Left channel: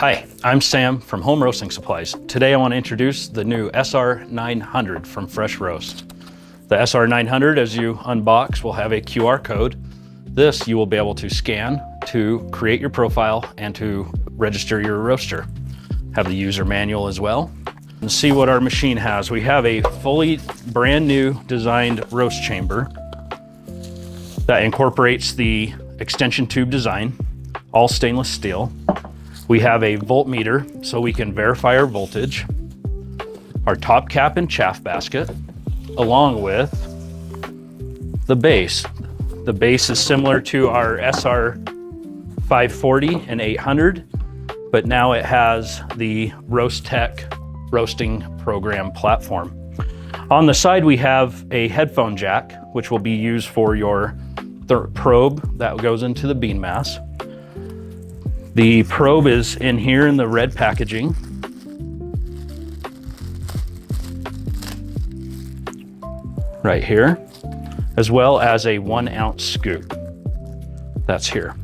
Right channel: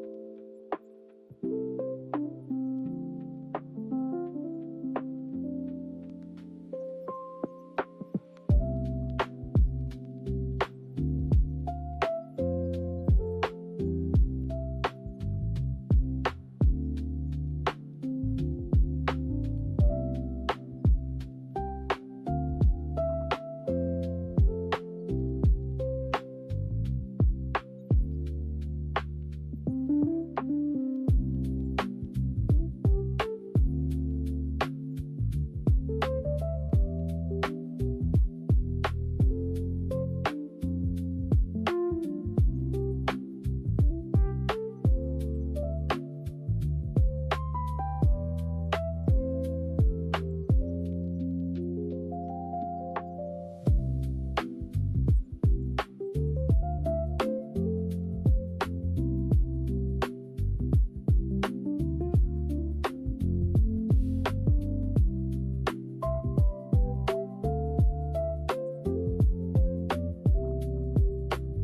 Hi, I'm Sam from Home Roasting Supplies. Today I want to introduce the new SR900 from Fresh Roast. The SR900, as you unbox, will have a QR code. This you will be able to scan to create your profile and to register your roaster. Have the user manual as well. And see what our machine has. We have a fully brand new designed roast chamber that incorporates the extension tube design, all stainless steel. We have a voltmeter so we can verify our voltage, our top cap and chaff basket, along with the base. The base is similar to our SR540 and 800, but now it has the Roast Tech roasting program platform. On the side we have a headphone jack, which will be used for your probe that goes into the bean mass. The probe is in here in the red packaging. Right here, as well as a 1 ounce scoop. That's here.